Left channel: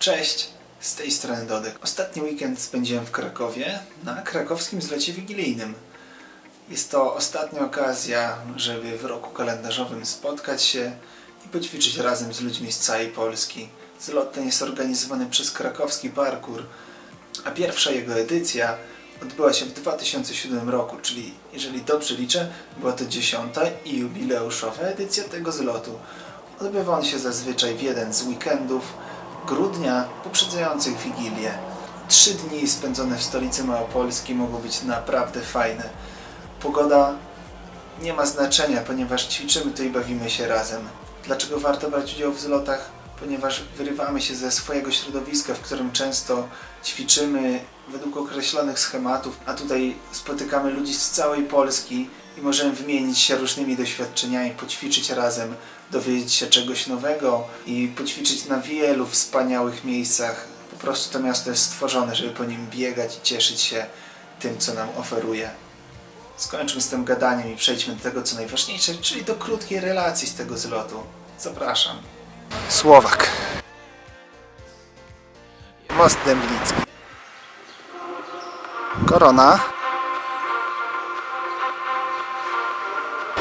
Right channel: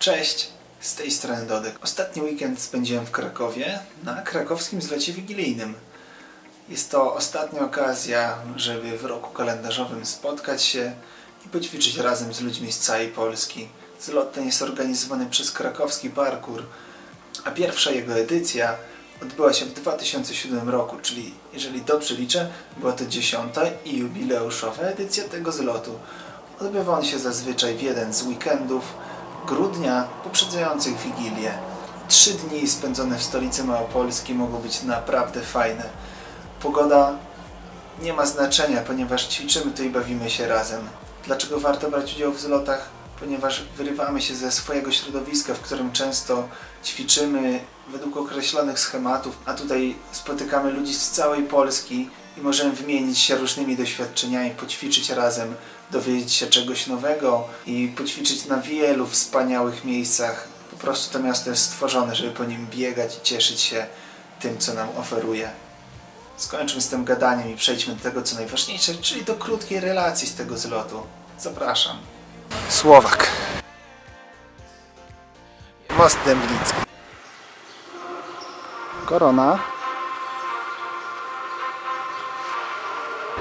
Cześć, z tej strony Dodek. Ostatni weekend spędziłem w Krakowie na krakowskim zlocie wigilijnym. Jest to ostatnia okazja, żeby w roku kalendarzowym spotkać się i poćwiczyć razem z ludźmi z całej Polski. Zlot ten jest organizowany przez krakowski parkour, a pierwsza jego edycja odbyła się w 2007 roku, czyli jeżeli dobrze liczę, była to dziesiąta i jubileuszowa edycja tego zlotu. Odbywa on się zazwyczaj w jeden z weekendów grudnia poprzedzających Wigilię. Trzy dni spędzone w stolicy Małopolski mogą być naprawdę fajne. Pogoda nie ma znaczenia, ponieważ ćwiczymy tu i bawimy się razem. Dlaczego warto brać udział w zlotach? Ponieważ wyrywamy się ze swojego środowiska, w którym często ćwiczymy według określonych schematów, a tutaj spotykamy ludzi z całej Polski i możemy wymienić się różnymi doświadczeniami, poćwiczyć razem, dowiedzieć się czegoś nowego i poćwiczyć na wielu wspaniałych miejscach. Po prostu to miasto jest stworzone, żeby po nim biegać i cieszyć się tym, co nam oferuje. Skończmy z tym gadaniem i przejdźmy do tego, co najważniejsze, czyli do krótkiej relacji z tego zlotu. Zapraszam. Słowak. Most Dębnicki. Korona.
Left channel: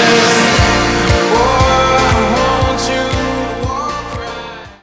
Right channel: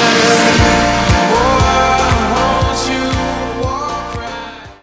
answer